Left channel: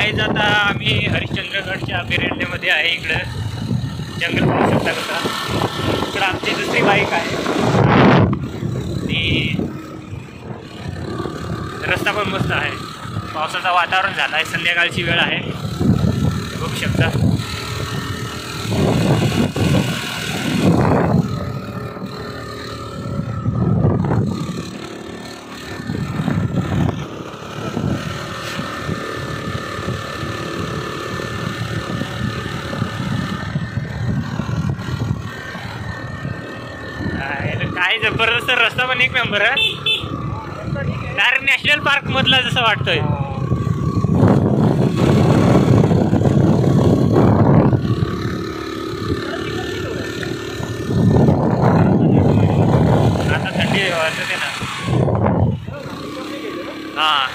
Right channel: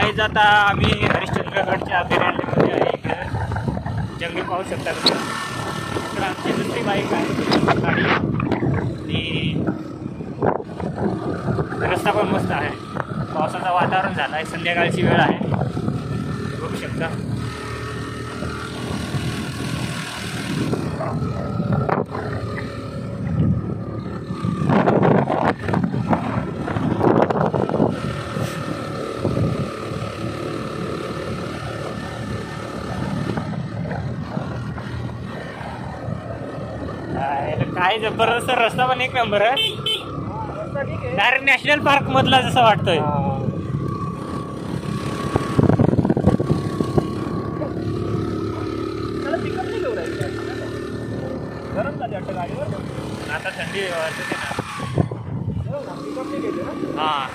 Guys आता आम्ही हरिश्चंद्रगडच्या अभयारण्यामध्ये आहे. इकडं जंगल पाहू शकता कसं. इकडं आमची दुसरी बाईक आहे आणि रस्ता पण मस्त आहे. पावसाचं वातावरण झालं आहे. संध्याकाळची वेळ आहे, बघू शकता. काय जबरदस्त रस्ता पण एक नंबर आहे. डायरेक्ट नॅशनल पार्क मधला जसं वाटतोय. आता थंडी वाजते ना. हा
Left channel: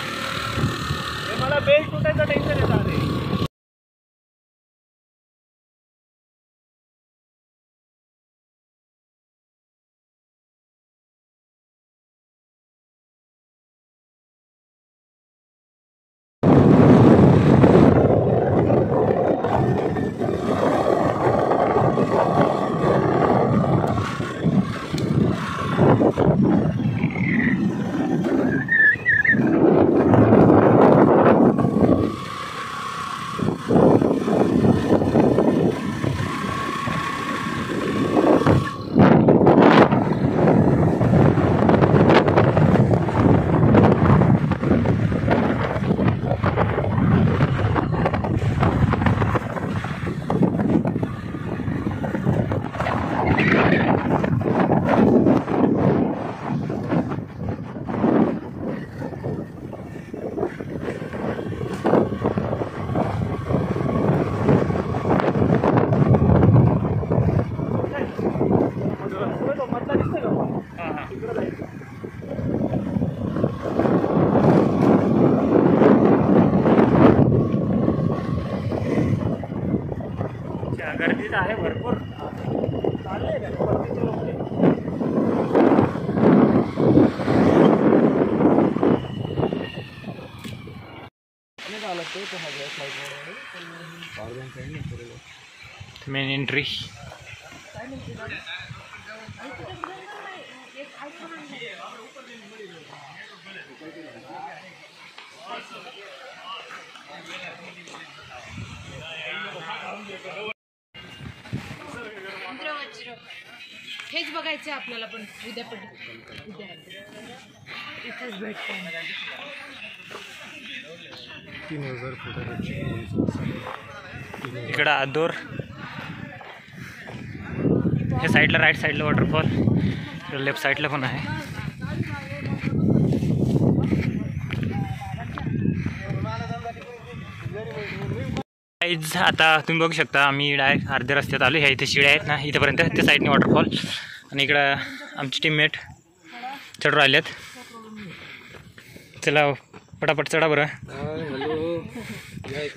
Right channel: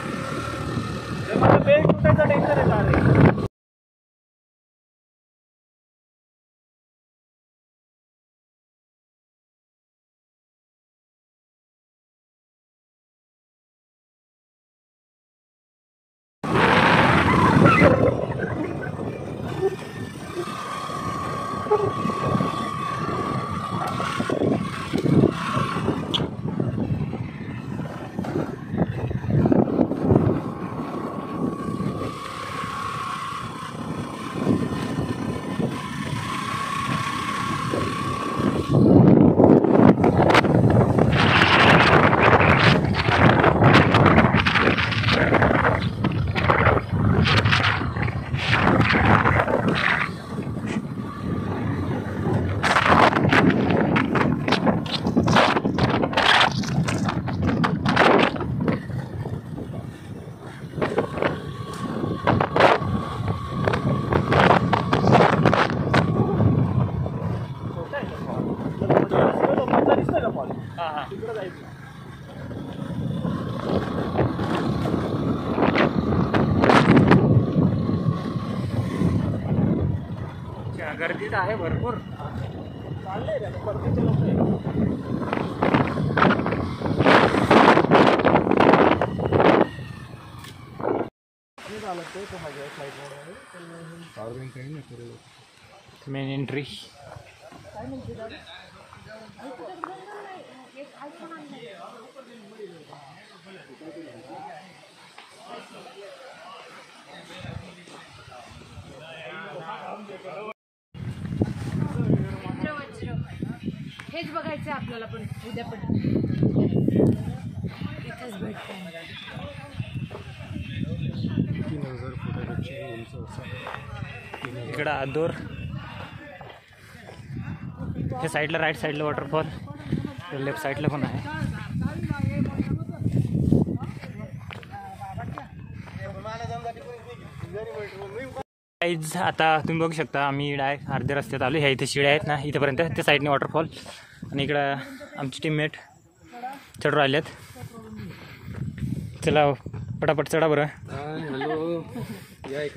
गर्दी तर आहे भरपूर. Main entry. हेच बघायचं आपल्याला पण उद्या पण इथेच भेटतो. इकडं आदोर, हे साईडला राईट साईडला वॉटरफॉल, लेफ्ट साईडला पण आहे. आता तुम्ही बघू शकता आम्ही डायरेक्ट अर्ध्या रस्त्यात आलो. ह्या इथे शिड्या आहेत ना, इथेपर्यंत त्या साईडने वॉटरफॉल. आणि इकडं आमची टीममेट चढ राहिल्यात. चला पटापट चढा बरं.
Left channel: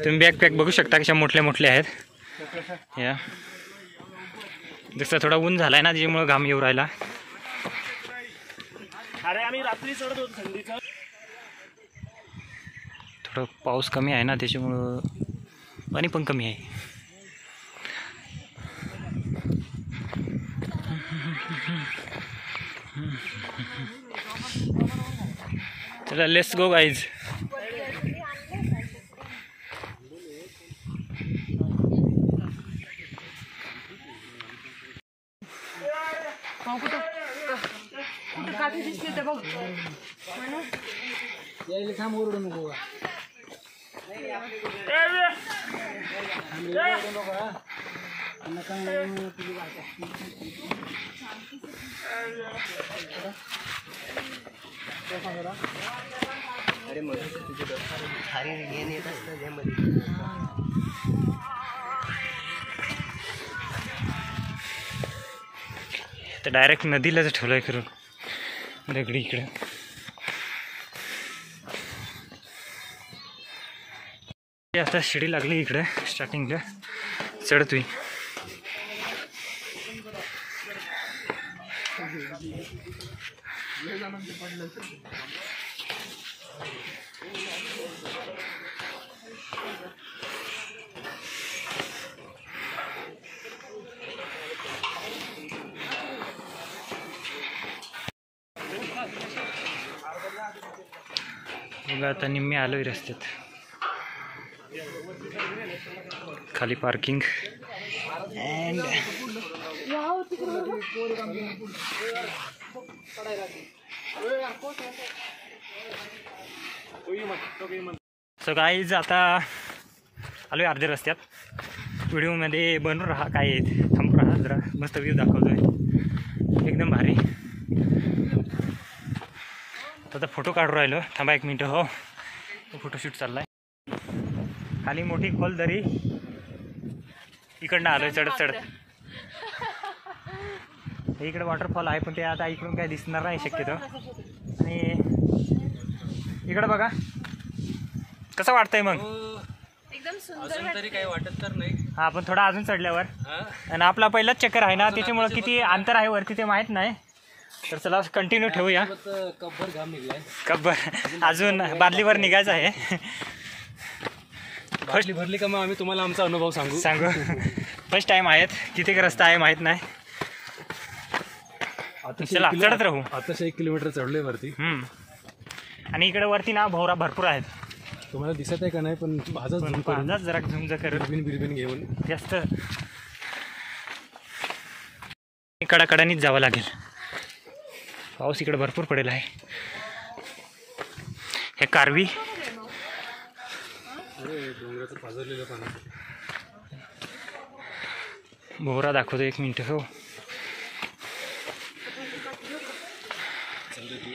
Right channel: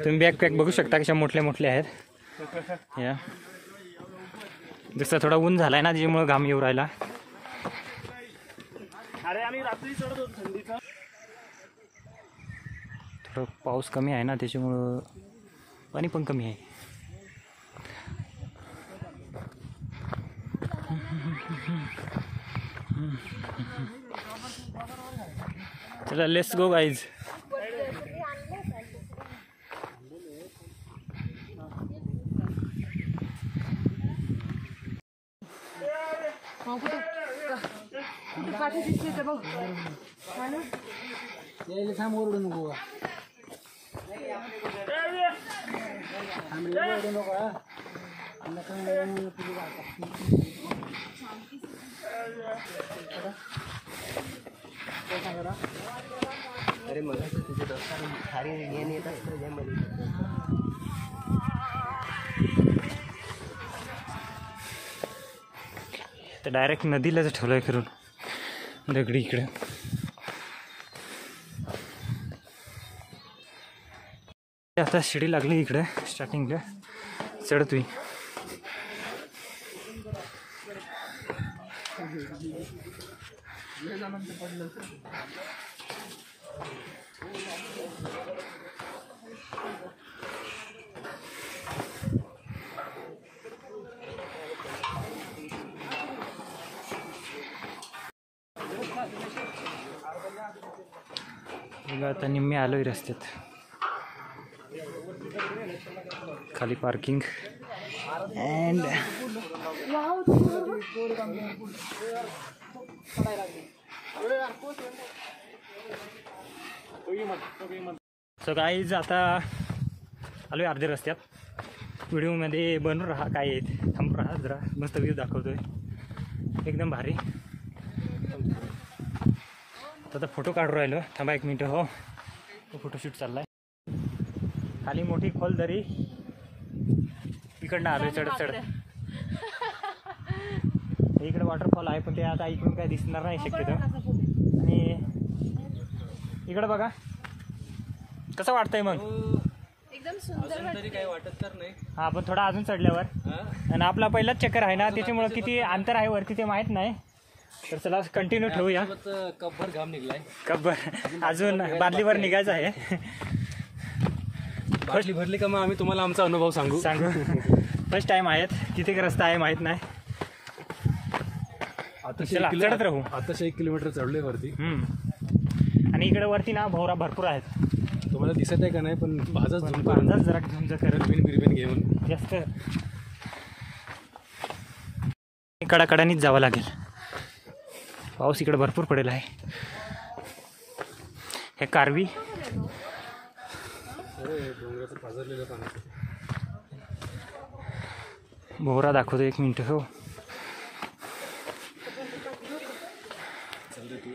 तुम्ही बॅकपॅक बघू शकता कशा मोठल्या मोठल्या आहेत. या जसं थोडा ऊन झालाय ना, त्याच्यामुळं घाम येऊ राहिला. थोडं पाऊस कमी आहे ना, त्याच्यामुळं पाणी पण कमी आहे. चला लेट्स गो गाईज. तर डायरेक्ट नदीलाच ठेवलंय फिरून दगडी. इकडे आता शिडी लागली इकडे स्टार्टिंगला चढतोय. बघा आता निम्मे आलोय रस्त्यात. खाली पार्किंग अँड सो गाईज आता आलोय अर्ध्या रस्त्यात. व्हिडिओमध्ये बनून राहा, काय आहे थांबून राहा जरा, मस्त व्ह्यू दाखवतोय एकदम भारी. आता फोटो काढून राहिलो, थांबा 1 मिनटं. हो फोटोशूट चाललाय. खाली मोठी खोल दरी, इकडनं आलोय चढत चढत. इकडे वॉटरफॉल आहे पण ते आता इकडून काय दिसणार नाही शक्यतो. आणि इकडे बघा कसं वाटतंय मग. एकदम सुंदर अजून तरी काही वाटत तर नाही. हा पण थोडा अजून चढल्यावर. आणि आपला पहिलाच चक्कर आहे ना, त्याच्यामुळे किती अंतर आहे वरती ते माहीत नाही. तर चला कंटिन्यू ठेवूया. कब्बर घाम निघलाय. कब्बर अजून बादलीवर निघायचं आहे. फर्स्ट भरली का मग आम्ही तुम्हाला आमचा अनुभव सांगू. फर्स्ट टाइम आहेत, किती रस्ता आहे माहीत नाही. चला चढत राहू. आताशे 1 किलोमीटर चढलोय वरती. आणि इकडे वरती ना भोवरा भरपूर आहेत. तुम्हाला दिसत आहे का नाही पण भाजाच जरा झुंज करत बिरबिन घेऊन जास्त कडाकडानीच जावं लागेल. पाऊस इकडे भरपूर पडेल आहे. हे कारवी डोंगराचं पाझरलेलं पाणी. भोवरा दाखवतो 1 मिनिट. हो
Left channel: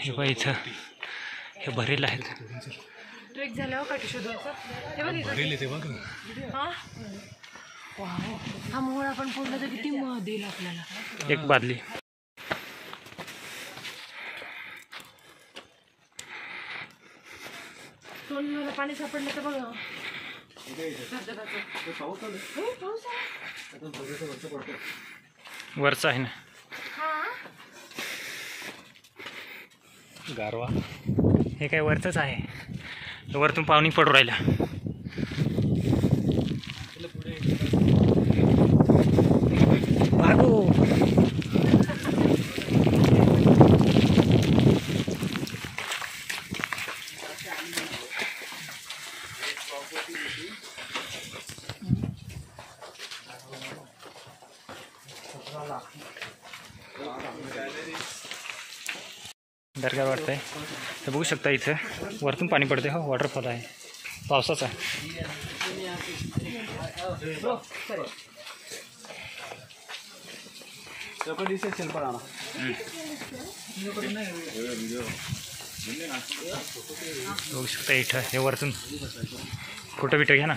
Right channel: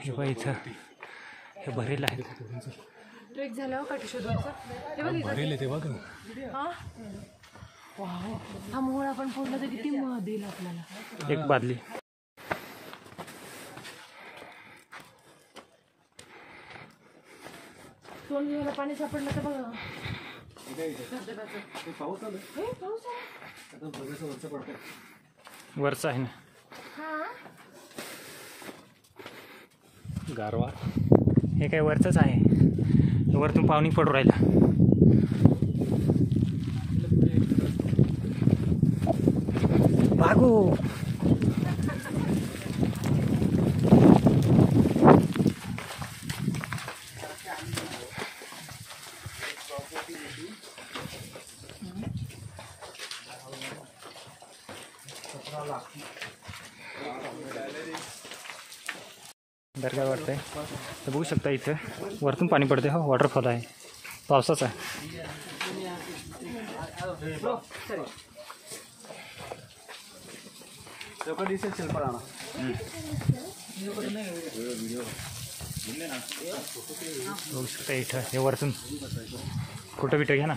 हे बघ इथं हे भरेल आहेत. ट्रेक झाल्यावर काठी शोधायचं. हे बघ भरेल तेव्हा का हा वाव, हा मोहळा पण फोडला तर किती देईल आपल्याला. एक बादली. सोनला पाणी सापडलं तर बघा. वरचं आहे ना गारवा. हे काय वरचंच आहे. वरतून पाणी पडू राहिलं. भागो. डर काय वाटतंय हे बघू शकता. इथं वरतून पाणी पडते. हो वॉटरफॉल आहे पावसाचा. बघू शकता इथं हे वरतून फोटो बिटो घ्या ना.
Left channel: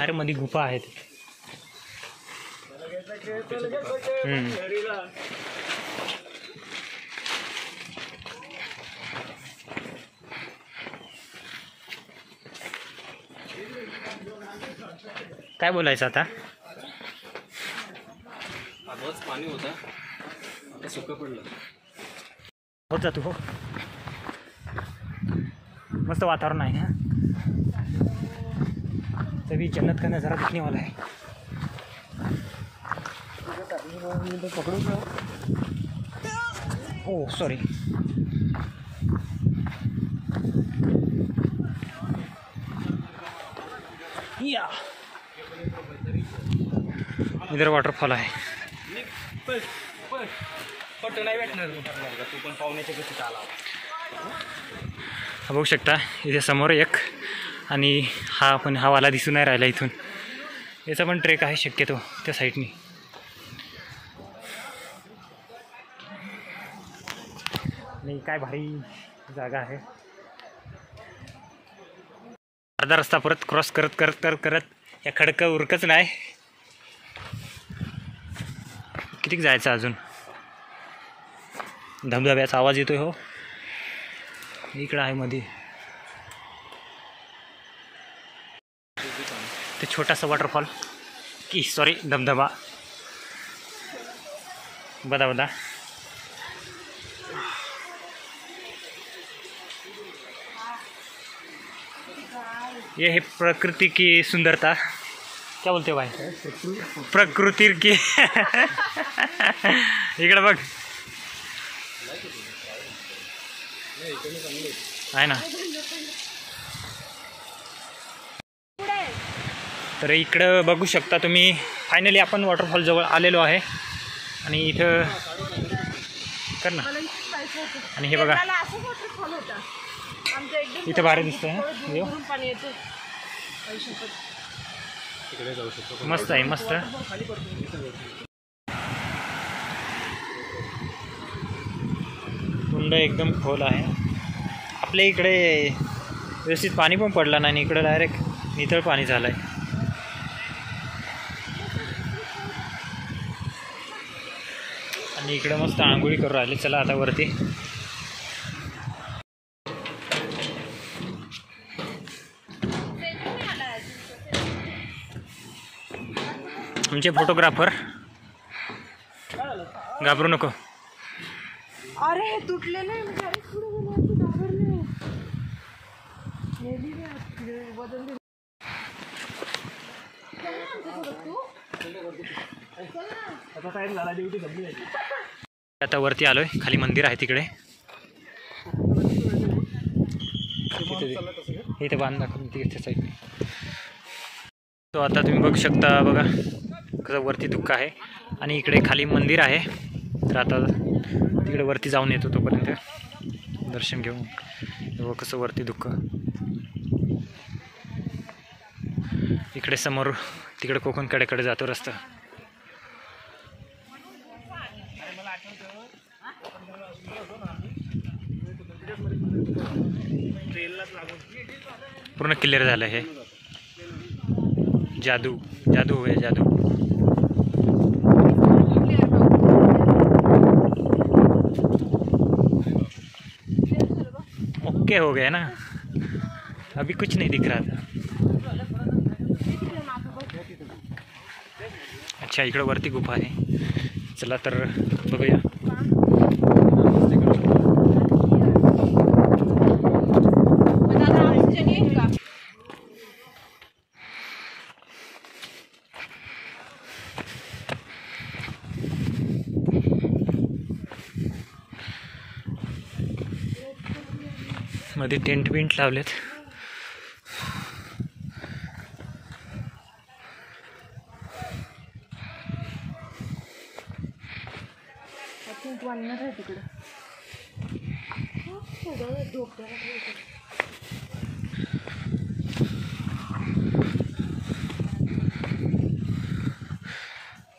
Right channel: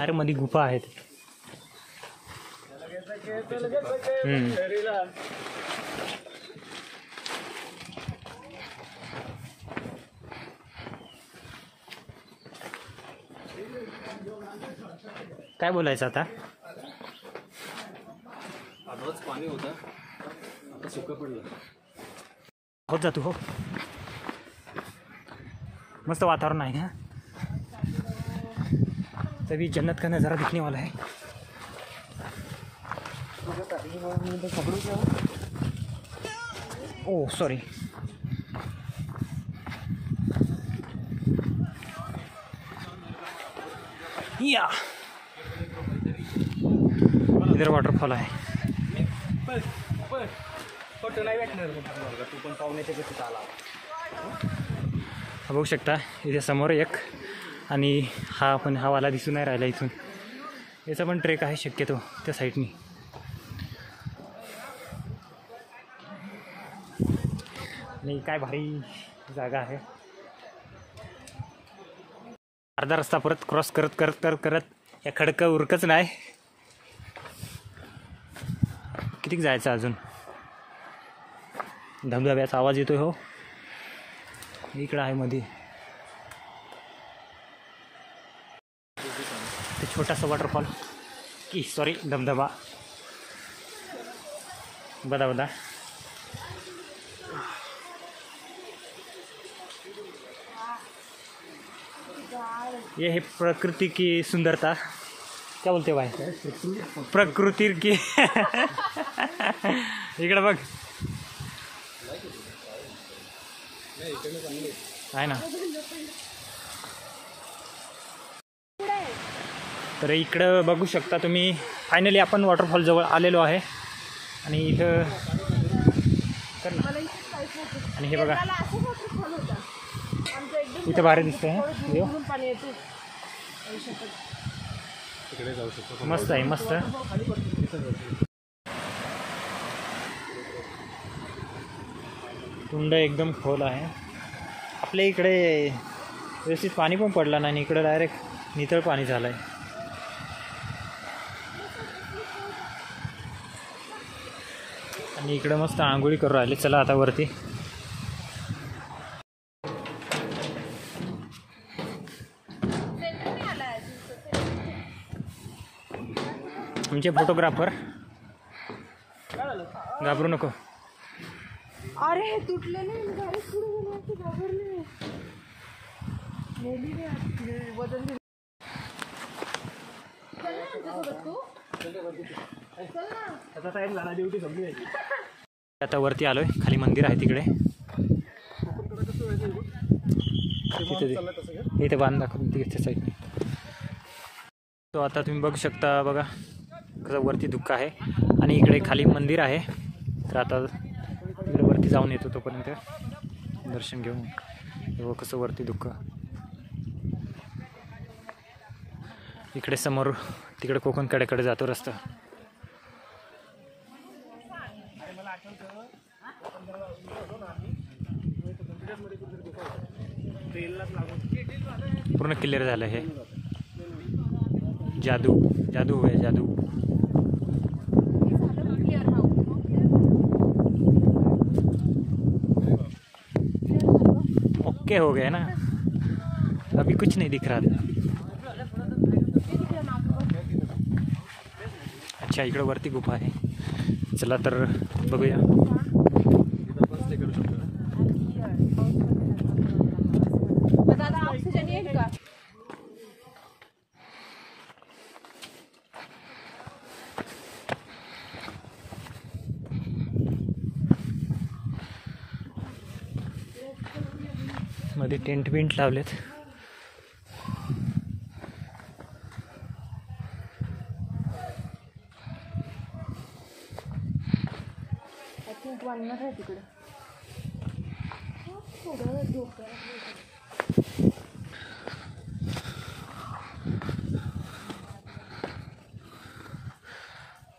अरे मध्ये गुफा आहेत. काय बोलायचं आता. आधीच पाणी होतं आता सुकं पडलं. होत जातो. हो मस्त वातावरण आहे ना. तभी जन्नत का नज़ारा दिखने वाला है. Oh sorry. या इधर वाटरफॉल आहे. फोटो नाही भेटणार तू पण पाहुण्याच्या कशी आला. बघू शकता इथे समोर एक. आणि हा पण हा वाला दिसून नाही राहिला इथून. याचा पण ट्रेक आहे शक्यतो त्या साईडनी. आणि काय भारी जागा आहे. अर्धा रस्ता परत क्रॉस करत करत करत करत या खडकं उरकच नाही. किती जायचं अजून. धबधब्याचा आवाज येतोय. हो इकडं आहे मध्ये ते छोटासा वॉटरफॉल की सॉरी धबधबा. बदा बदा ये है प्रकृति की सुंदरता। क्या बोलते हो भाई? प्रकृति की इकडे बघ आहे ना. तर इकडं बघू शकता तुम्ही. फायनली आपण वॉटरफॉल जवळ आलेलो आहे आणि इथं कर ना. आणि हे बघा इथं भारी दिसतंय. मस्त आहे मस्त. कुंड एकदम खोल आहे. आपल्या इकडे व्यवस्थित पाणी पण पडलं नाही आणि इकडं डायरेक्ट नितळ पाणी झालं आहे. आणि इकडं मस्त आंघोळी करू राहिली. चला आता वरती. आमचे फोटोग्राफर. घाबरू नको. अरे तुटले नाही. आता वरती आलोय. खाली मंदिर आहे तिकडे. इथे बांध दाखवून तिकडच्या साईडने. तो आता तुम्ही बघू शकता बघा कसं वरती धुक्का आहे आणि इकडे खाली मंदिर आहे. तर आता तिकडे वरती जाऊन येतो तोपर्यंत दर्शन घेऊन. बघा कसं वरती धुक्का. इकडे समोर तिकडे कोकण कडेकडे जातो रस्ता. पूर्ण क्लिअर झालं हे. जादू जादू है जादू. ओके हो गया ना. अभी कुछ नहीं दिख रहा था. अच्छा इकडं वरती गुफा आहे. चला तर बघूया. मध्ये टेंट बिंट लावलेत.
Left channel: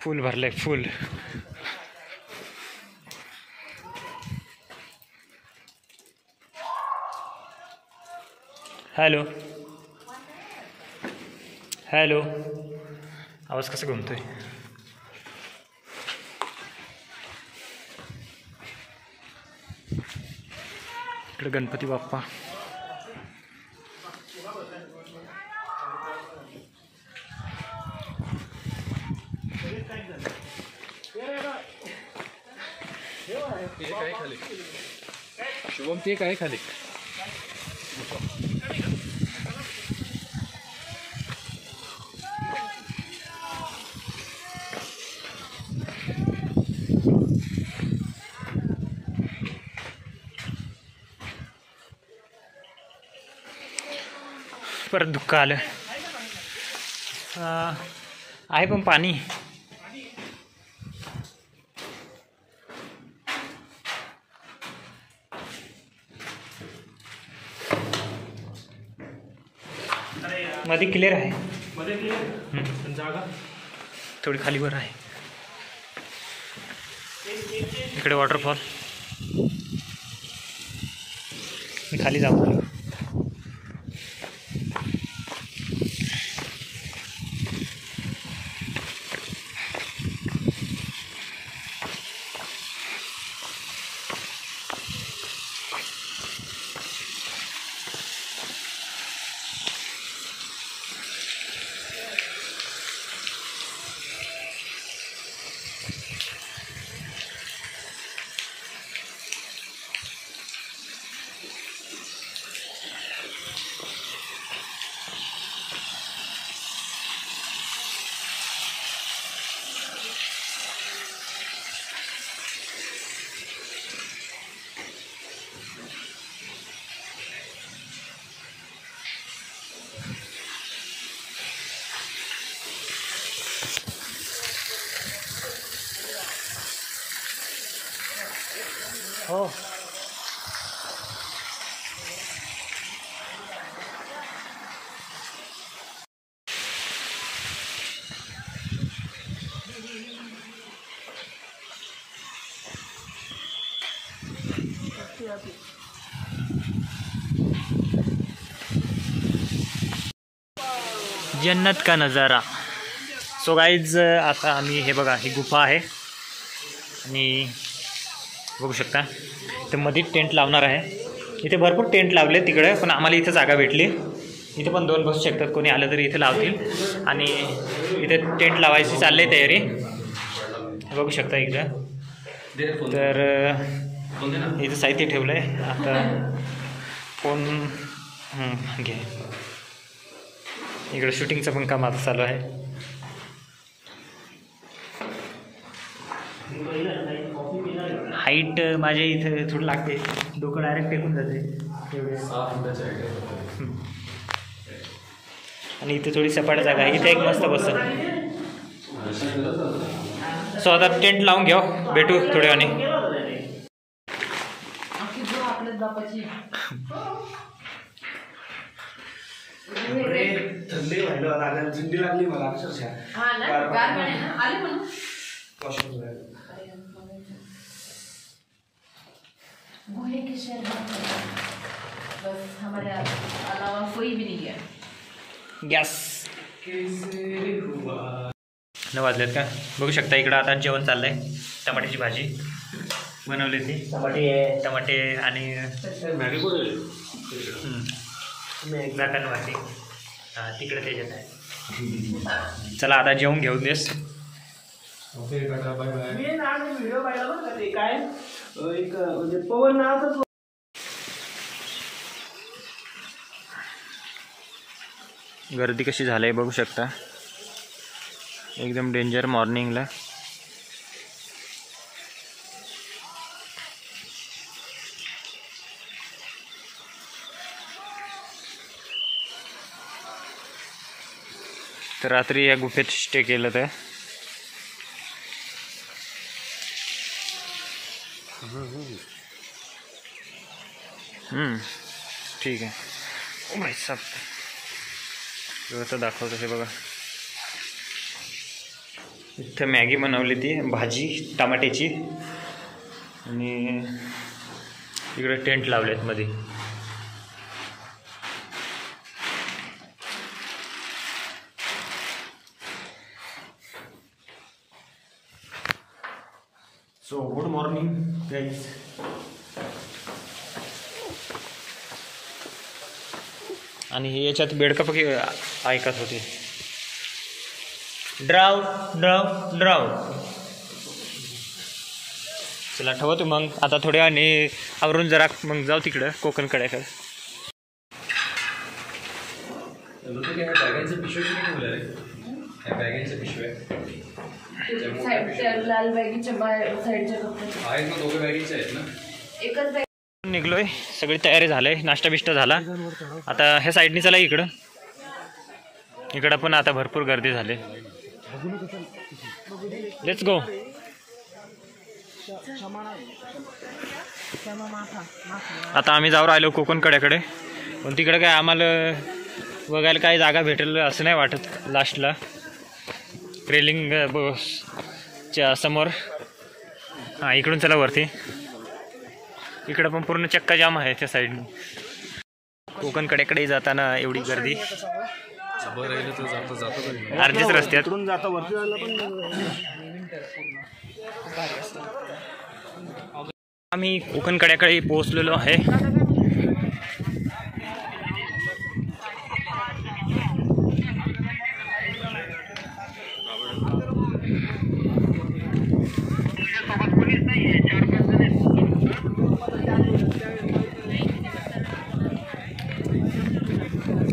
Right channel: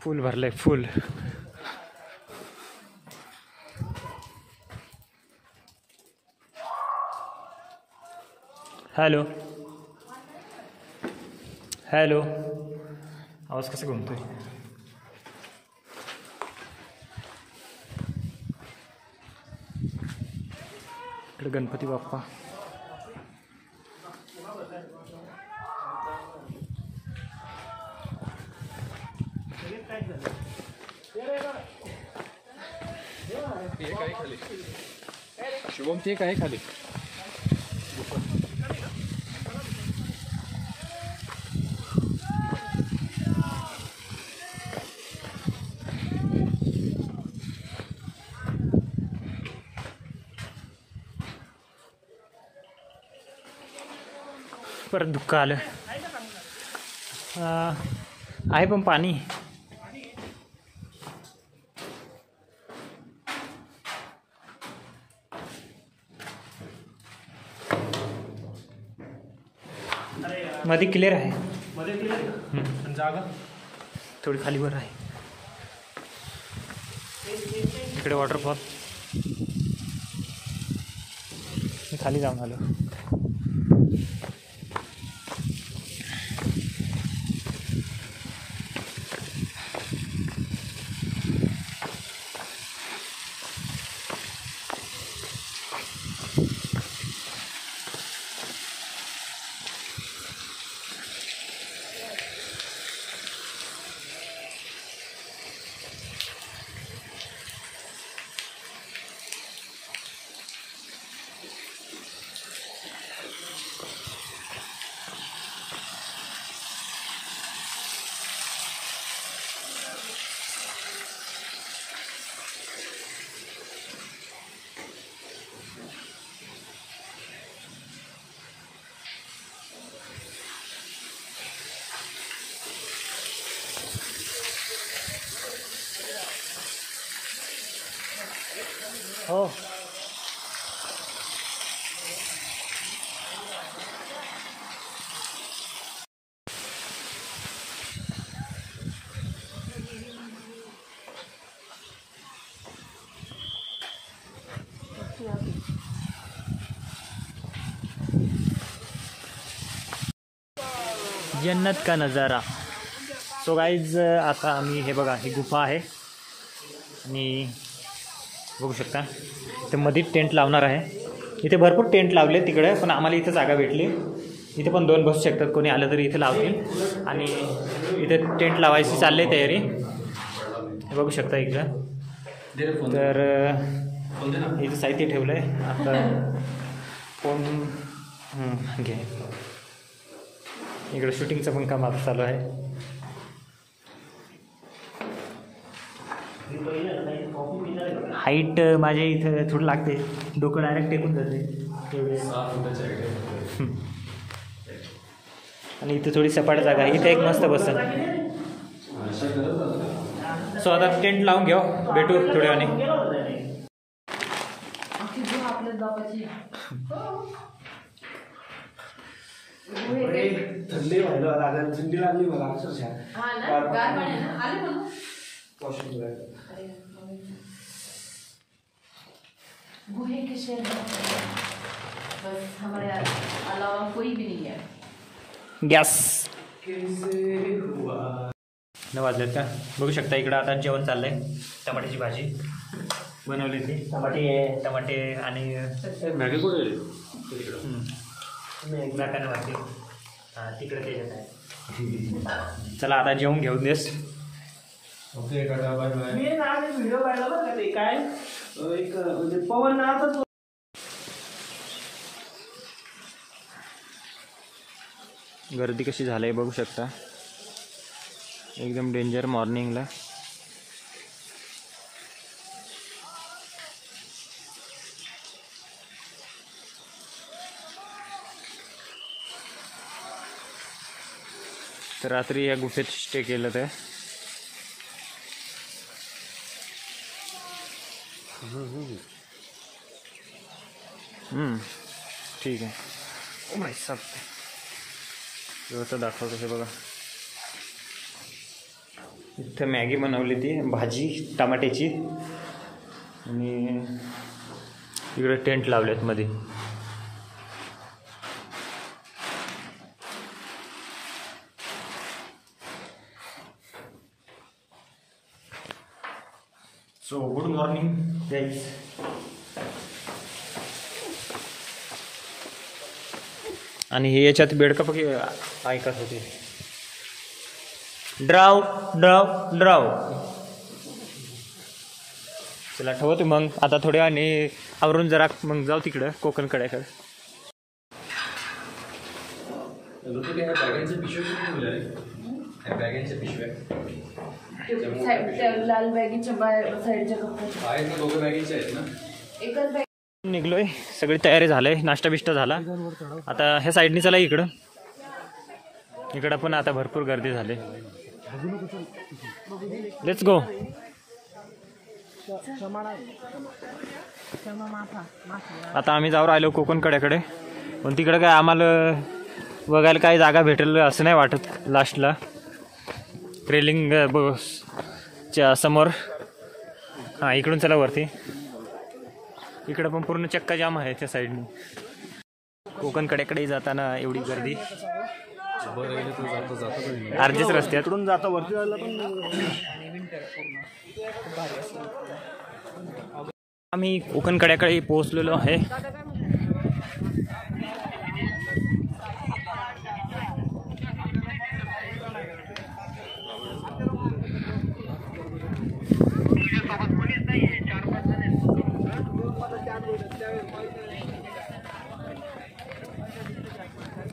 फुल भरलंय फुल. Hello hello. आवाज कसा घुमतोय. इकडे गणपती बाप्पा. शुभम ते काय खाली. परत दुःख आलं. आहे पण पाणी. मध्ये क्लिअर आहे. जागा थोडी खालीवर आहे. इकडे वॉटरफॉल. मी खाली जाऊन आलो. हो जन्नत का नज़ारा. सो गाईज आता आम्ही हे बघा ही गुफा आहे आणि बघू शकता इथं मध्ये टेंट लावणार आहे. इथे भरपूर टेंट लावले तिकडे पण आम्हाला इथं जागा भेटली. इथं पण 2 बसू शकतात कोणी आलं तरी इथं लावतील आणि इथे टेंट लावायची चालली आहे तयारी. बघू शकता इकडं तर इथं साहित्य ठेवलं आहे. आता फोन घे. इकडं शूटिंगचं पण काम आता चालू आहे. हाईट माझ्या इथं थोडं लागते. डोकं डायरेक्ट टेकून जाते तेवढे. आणि इथे थोडी सपाट जागा आहे. इथे एक मस्त बसन. सो आता टेंट लावून घ्या. भेटू थोड्या वेळाने. थंडी व्हायला लागेल. थंडी लागली मला अक्षरशः. गुहे के शहर बस हमारे अलावा कोई भी नहीं है. गॅस 9 वाजलेत का. बघू शकता इकडं आता जेवण चाललं आहे. टमाट्याची भाजी बनवली ती. टमाटे आणि झाकणवरती तिकडे त्याच्यात आहे. चला आता जेवून घेऊन देस. व्हिडिओ पाहिला बरं का ते काय एक म्हणजे पवन नावाचा गर्दी कशी झाली बघू शकता. एकदम डेंजर मॉर्निंगला. तर रात्री या गुफेत स्टे केलं तर ठीक आहे. ओ भाई साहब व्यवस्था दाखवतो हे बघा. इथं मॅगी बनवली ती भाजी टमाट्याची आणि इकडे टेंट लावलेत मध्ये. So good morning guys. आणि हे याच्यात बेडकापकी ऐकत होते. Drive drive drive. चला ठेवतो मग आता थोड्या वेळाने आवरून जरा मग जाऊ तिकडं कोकणकड्याकडे. लाल बॅगीच्या बाहेर साईडच्या कपड्यात निघलोय. सगळी तयारी झालंय. नाश्ता बिष्टा झाला. आता ह्या साईडनी चला इकडं. इकडं पण आता भरपूर गर्दी झाली. Let's go. आता आम्ही जाऊ राहिलो कोकणकड्याकडे. पण तिकडे काय आम्हाला बघायला काय जागा भेटेल असं नाही वाटत. लास्टला रेलिंग च्या समोर. हां इकडून चला वरती. इकडं पण पूर्ण चक्का जाम आहे त्या साईडने. कोकणकड्याकडे जाताना एवढी गर्दी. अर्धेच रस्त्यात. आम्ही कोकणकड्याकडे पोहोचलेलो आहे.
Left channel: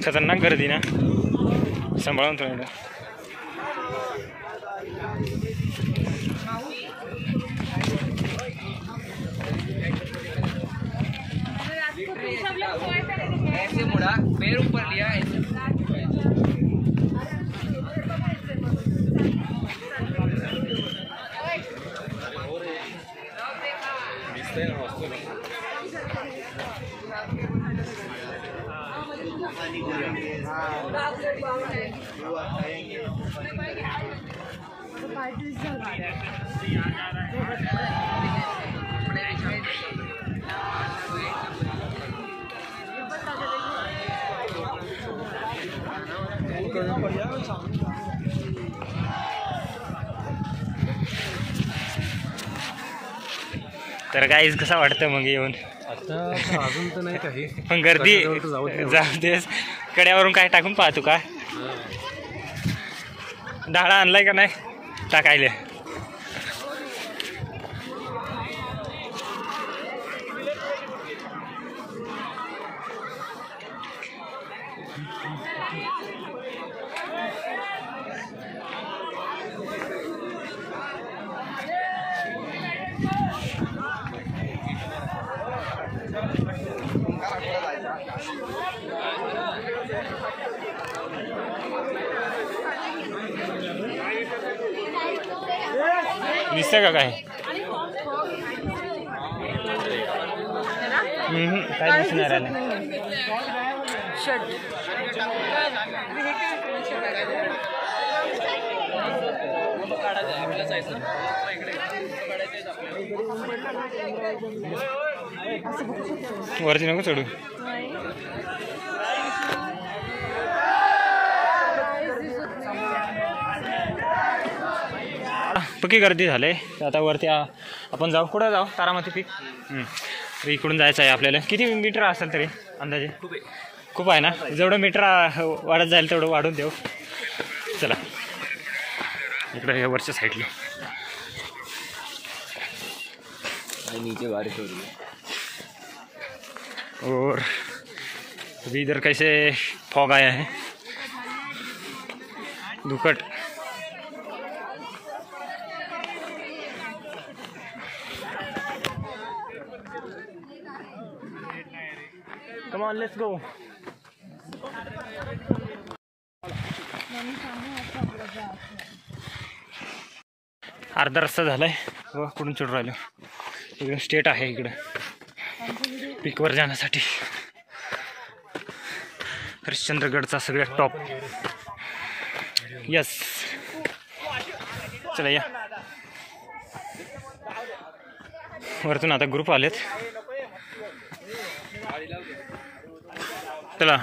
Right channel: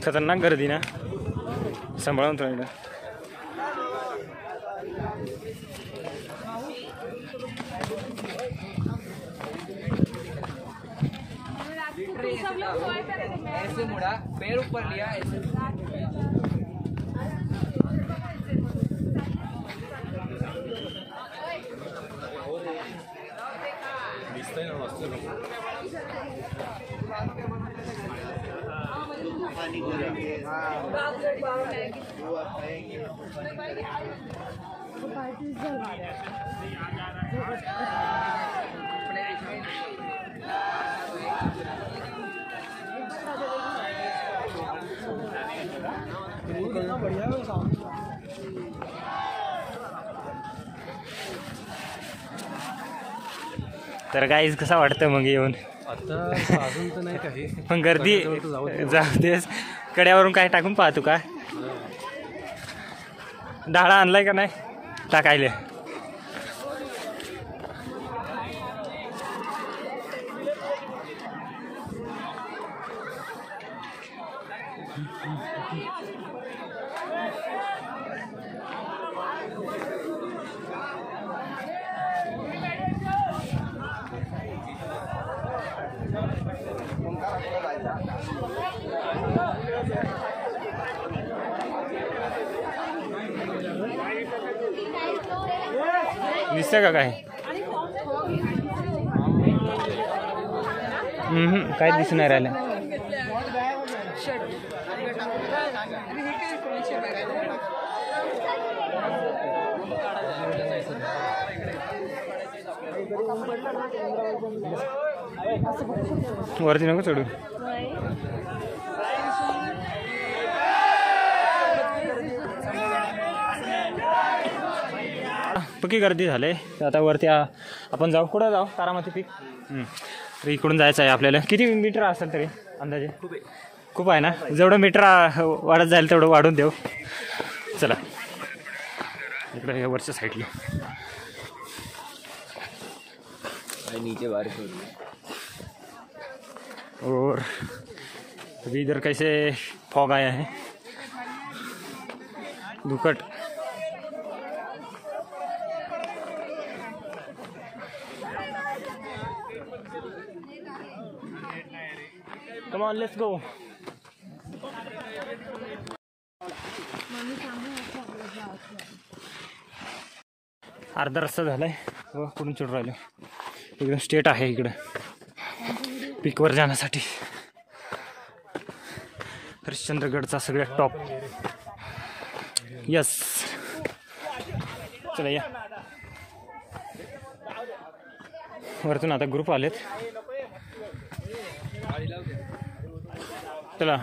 खतरनाक गर्दी ना. सांभाळून राहिलं. ऐसे मुड़ा पैर ऊपर लिया ऐसे. दिसतंय ना मस्त. तर गाईज कसं वाटतं मग येऊन? आता अजून तर नाही काही, पण गर्दी जाऊ देस. कड्यावरून काय टाकून पाहतो का? डाळा आणलाय का नाही टाकायला? दिसतं का काय? काय दिसणार आलं? वरती नको चढू. पक्की गर्दी झाले. आता वरती आपण जाऊ. कुठं जाऊ? तारामती पीक. तर इकडून जायचं आहे आपल्याला. किती मीटर असेल तरी अंदाजे? खूप आहे ना. जेवढं मीटर वाढत जाईल तेवढं वाढून देऊ. चला इकडे या वरच्या साईडला. नीचे बारिश हो रही है और अभी इधर कैसे फॉग आया है, दुकट. Come on let's go. अर्धा रस्ता झालाय. व कुठून चढून राहिलो. इकडे स्टेट आहे इकडं पीकवर जाण्यासाठी. हरिश्चंद्रगडचा सगळ्यात टॉप. यस चला या. वरतून आता ग्रुप आलेत. चला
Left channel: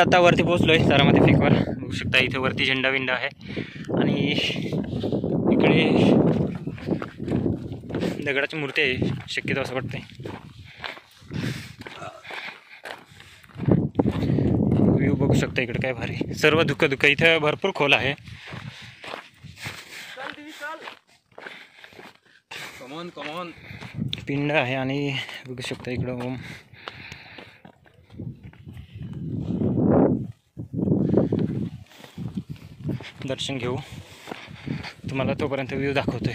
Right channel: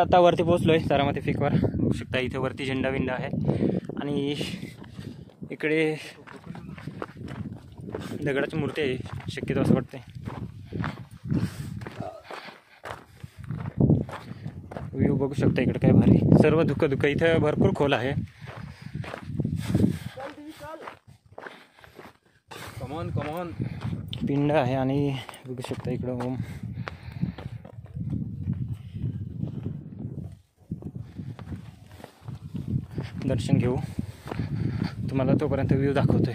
आता वरती पोहोचलोय तारामती पीकवर. बघू शकता इथे वरती झेंडा विंडा आहे आणि इकडे दगडाची मूर्ती आहे शक्यतो असं वाटतंय. व्ह्यू बघू शकता इकडे काय भारी. सर्व धुकं धुकं. इथं भरपूर खोल आहे. कमॉन पिंड आहे आणि बघू शकता इकडं ओम. दर्शन घेऊ. तुम्हाला तोपर्यंत व्ह्यू दाखवतोय.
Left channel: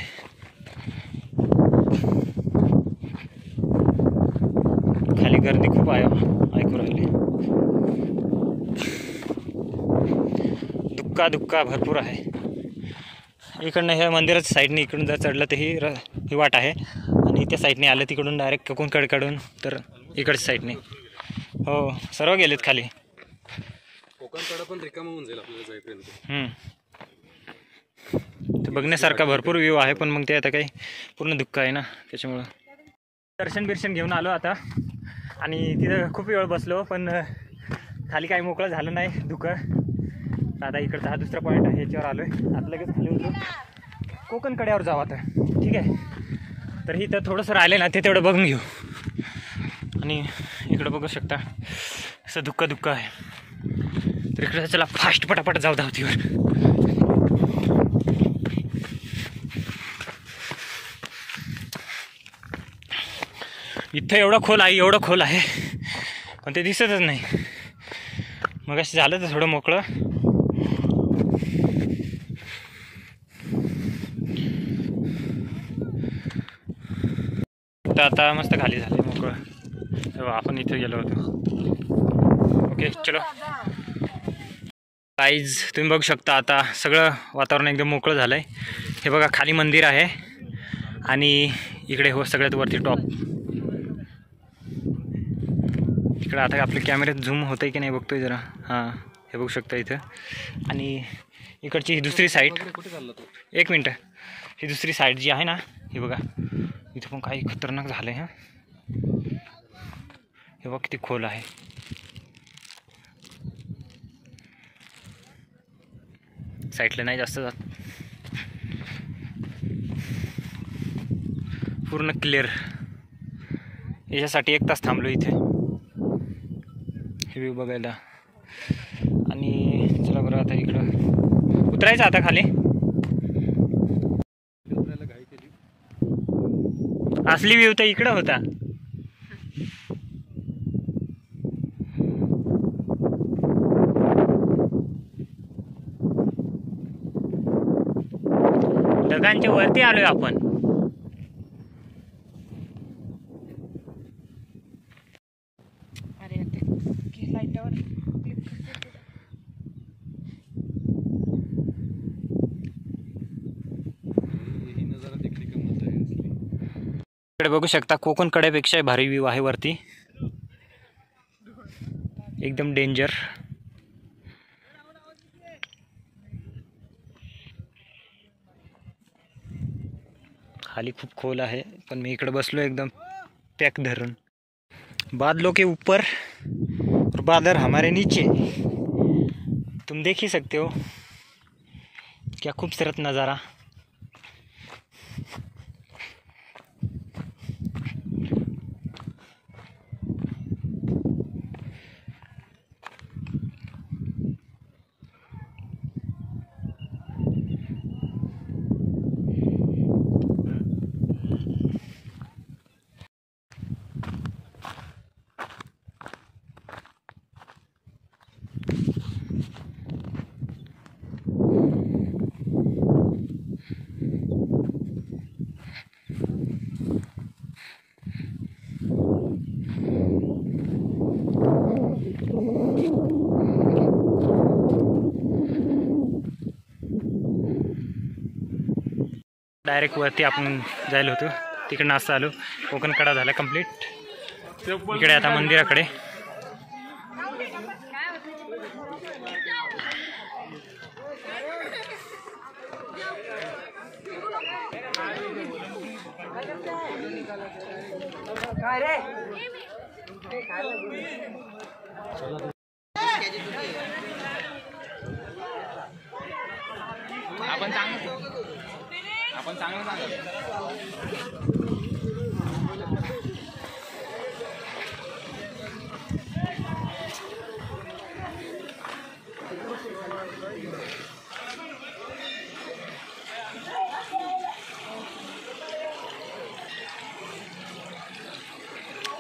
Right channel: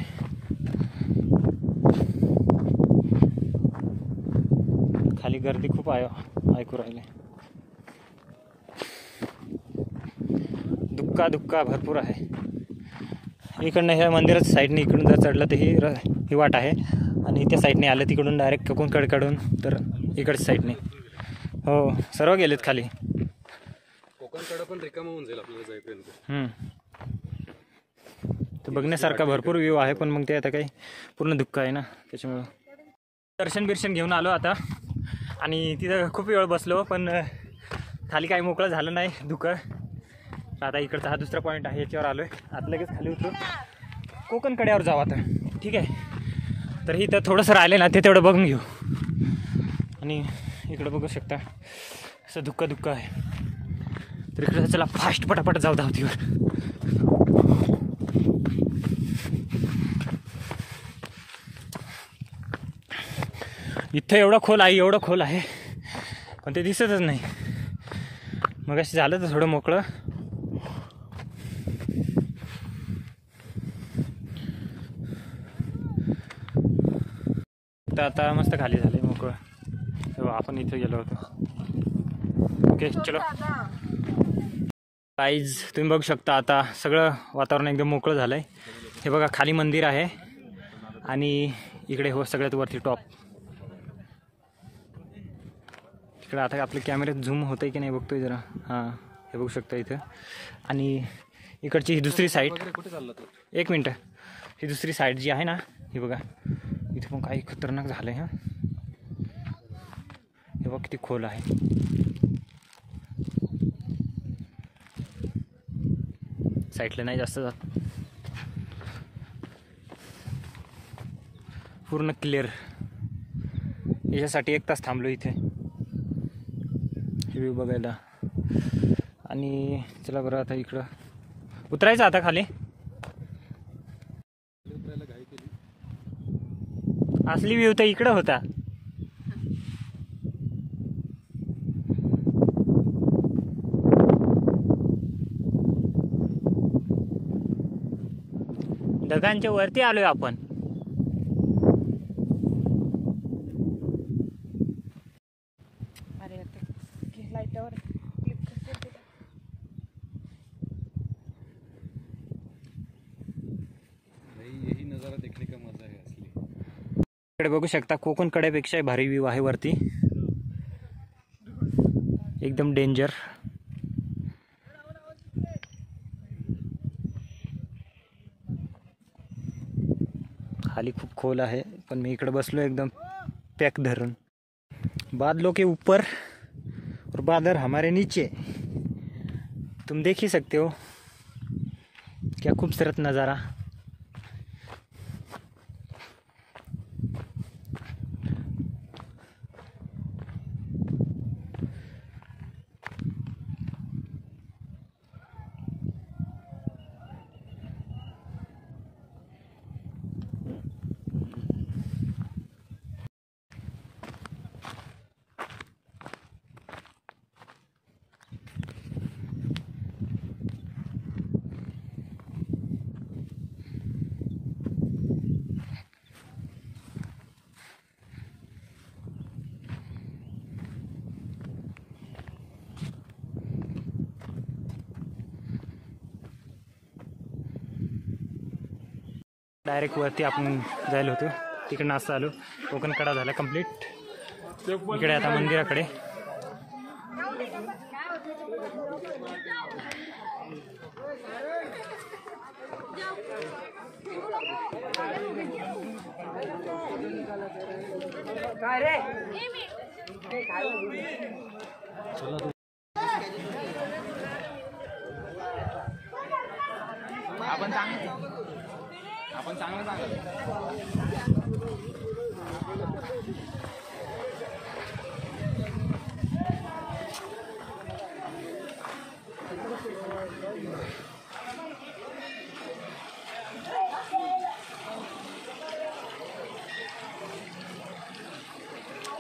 खाली गर्दी खूप आहे ऐकू राहिले. धुक्का भरपूर आहे. इकडनं ह्या मंदिराच्या साईडने इकडून जर चढलं तर ही वाट आहे आणि त्या साईडने आलं तिकडून डायरेक्ट कोकणकडे काढून तर इकडच्या साईडने. हो सर्व गेलेत खाली. कोकणकडे पण रिकामं होऊन जाईल आपल्याला जाईपर्यंत. तर बघण्यासारखा भरपूर व्ह्यू आहे पण मग ते आता काही पूर्ण दुःख आहे ना त्याच्यामुळं. दर्शन घेऊन आलो आता आणि तिथं खूप वेळ बसलो पण खाली काही मोकळं झालं नाही धुकं. आता इकडचा हा दुसरा पॉईंट आहे याच्यावर आलो आहे. आता लगेच खाली उतरू कोकण कड्यावर जाऊ आता. ठीक आहे. तर इथं थोडंसं राहिलं ना ते तेवढं बघून घेऊ. आणि इकडं बघू शकता असं धुक्क आहे. तर इकडे चला फास्ट पटापट जाऊ धावतीवर. इथं एवढं खोल आहे पण ते दिसतच नाही. मग असं झालं तर थोडं मोकळं. तर आता मस्त खाली झाले मोकळं. तेव्हा आपण इथे गेलो होतो. ओके चलो गाईज, तुम्ही बघू शकता आता सगळं वातावरण एकदम मोकळं झालं आहे. हे बघा खाली मंदिर आहे आणि इकडे हो सगळ्यात वरती टॉप. इकडे आता आपले कॅमेऱ्यात झूम होतं आहे की नाही बघतोय जरा. हां हे बघू शकता इथं. आणि इकडची ही दुसरी साईड, एक मिनटं, ही दुसरी साईड जी आहे ना ही बघा, इथं पण काही खतरनाक झालं आहे. हां हे बघा किती खोल आहे. साईडला नाही जास्त जात, पूर्ण क्लिअर. याच्यासाठी 1 तास थांबलो इथे हे व्ह्यू बघायला. आणि चला बरं आता इकडं उतरायचं आता खाली. असली व्ह्यू तर इकडं होता. ढगांच्या वरती आलोय आपण. इकडे बघू शकता कोकण कड्यापेक्षा भारी व्ह्यू आहे वरती, एकदम डेंजर. खाली खूप खोल आहे पण मी इकडे बसलो एकदम पॅक धरून. बादलों के ऊपर और बादल हमारे नीचे, तुम देख ही सकते हो क्या खूबसूरत नज़ारा. डायरेक्ट वरती आपण जायला होतो, तिकडे नाश्ता आलो. कोकण कडा झाला कंप्लीट. इकडे आता मंदिराकडे. आपण चांगलं सांगा.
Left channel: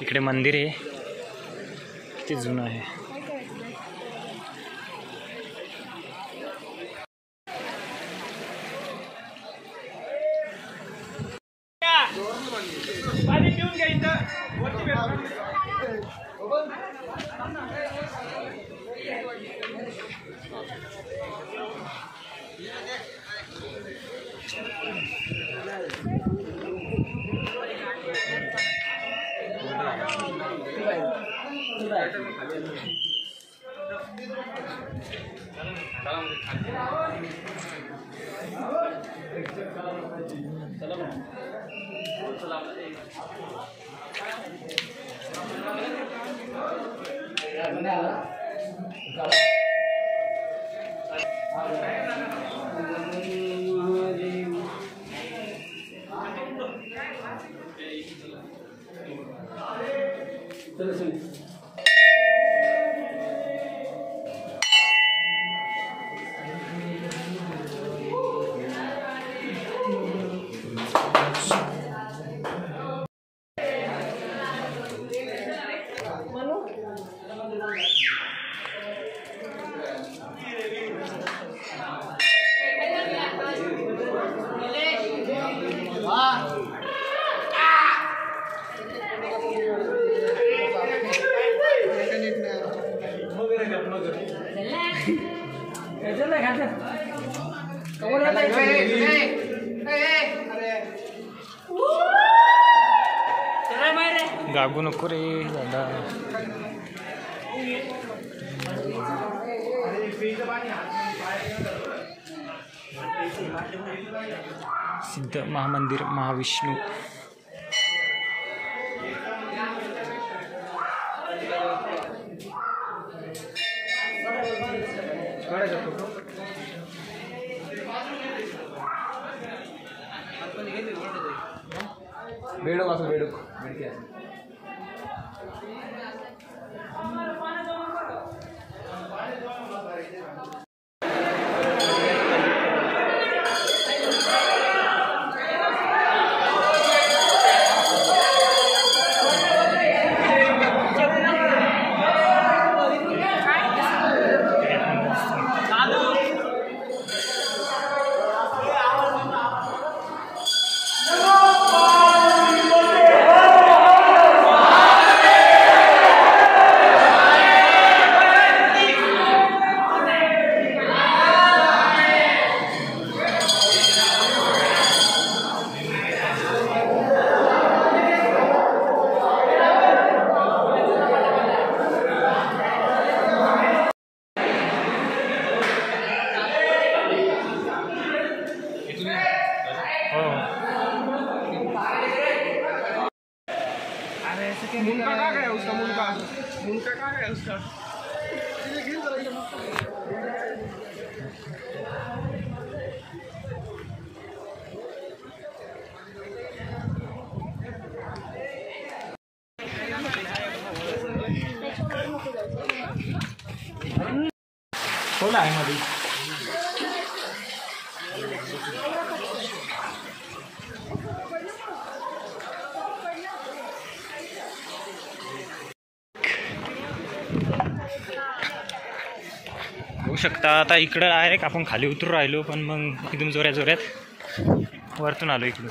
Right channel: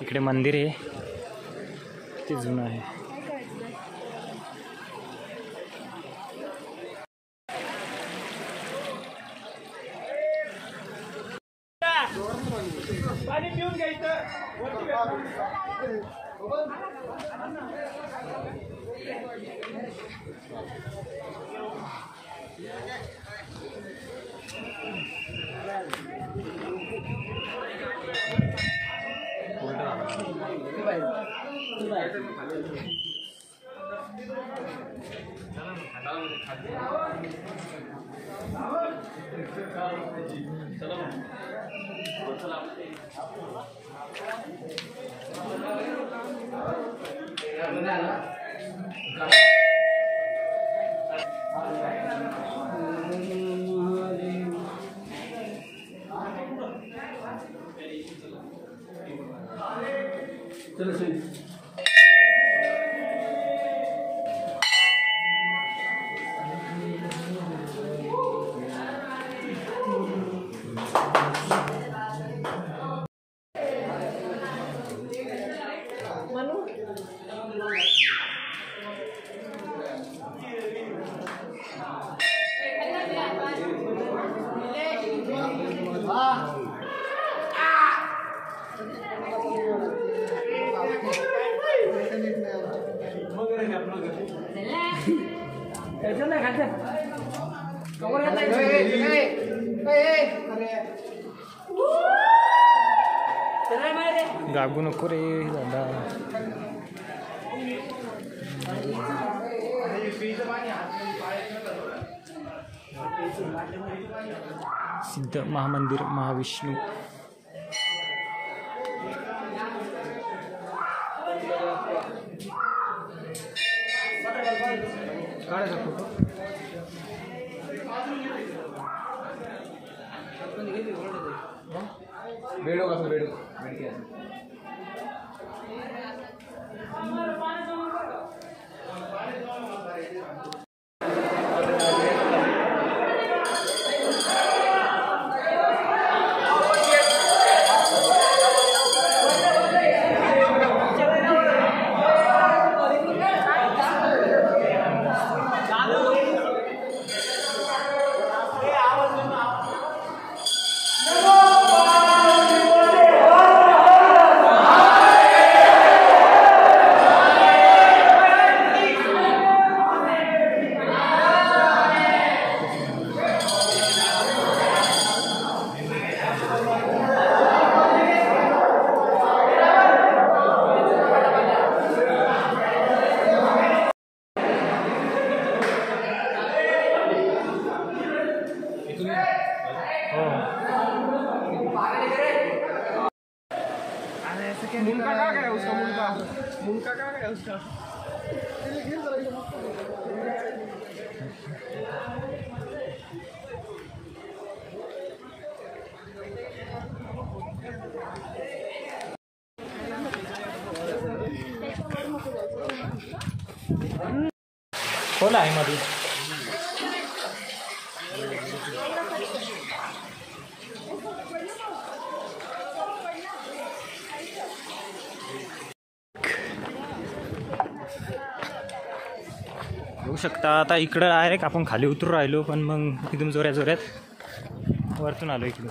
इकडे मंदिर आहे ते जुनं आहे. पाणी पिऊन घ्यायचं. गागू नको रे दादा. सिद्ध महामंदिर महाविष्णू. बेडो असं बेडो मुनका का है उसका मुनका का है उसका कोण आहे मध्ये? बघू शकता आता इकडं डायरेक्ट आपण खाली उतरू राहिलो, पण मग एकदम जोऱ्या जोऱ्यात वरतून आलो इकडून.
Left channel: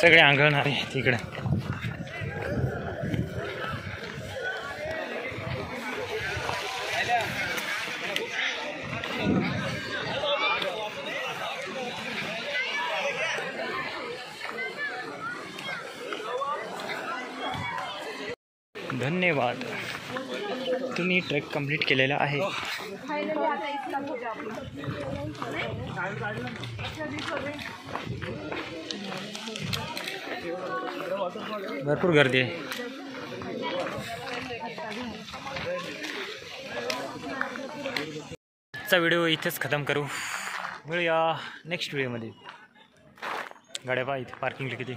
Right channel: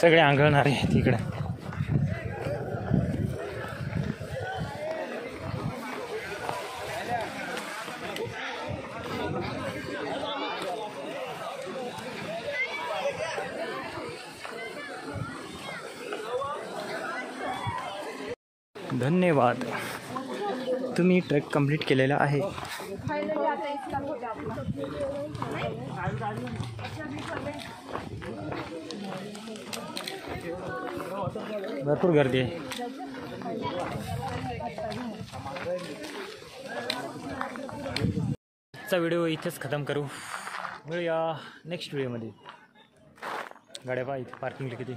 सगळे आंघळणारे आहेत इकडे. धन्यवाद, तुम्ही ट्रेक कंप्लीट केलेला आहे. भरपूर गर्दी आहे. आजचा व्हिडिओ इथेच खतम करू. मिळूया नेक्स्ट व्हिडिओमध्ये. गाड्या पहा इथे पार्किंगला किती.